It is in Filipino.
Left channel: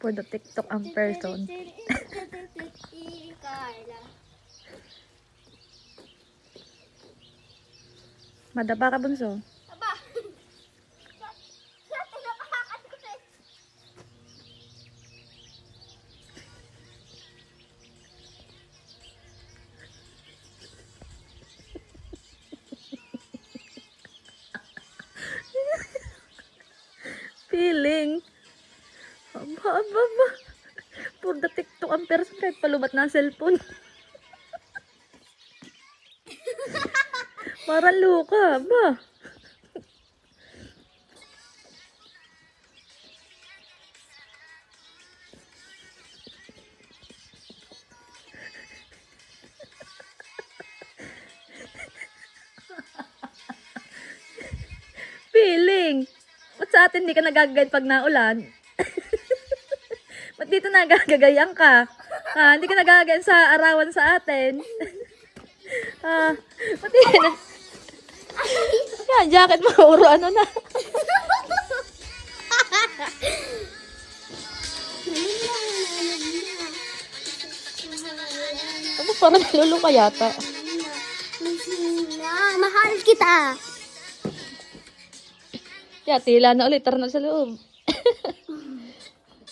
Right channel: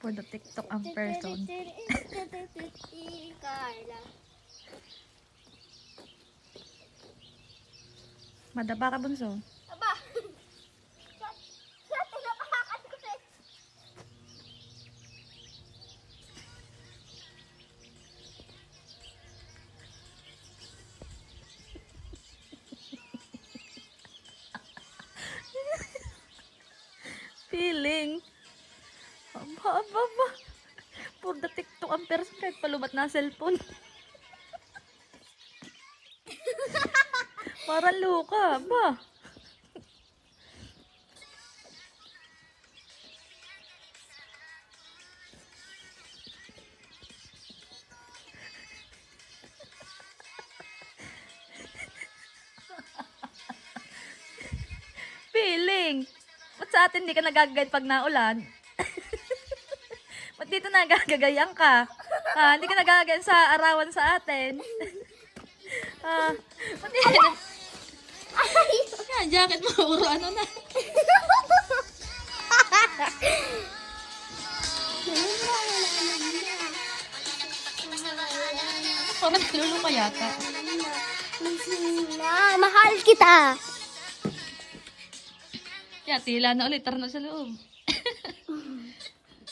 For the TikTok ang person. Carla. Madaba ka, bunso. Aba! Sa tinapahakan ko na. Feeling. Aba. For the TikTok ang person kahit palubat na cellphone. Parang luka, ba? Feeling. Ba't sa atin hindi ka nagagagayad pag naulan? Ba't dito nagagagayan ka? Hindi ka nagagagayan sa arawan sa atin. Ba't di ka yan, jacket mo, uro ano na. Tapos parang naluluka yata. Mahal kita. Tila na ulit, tara na sa loob.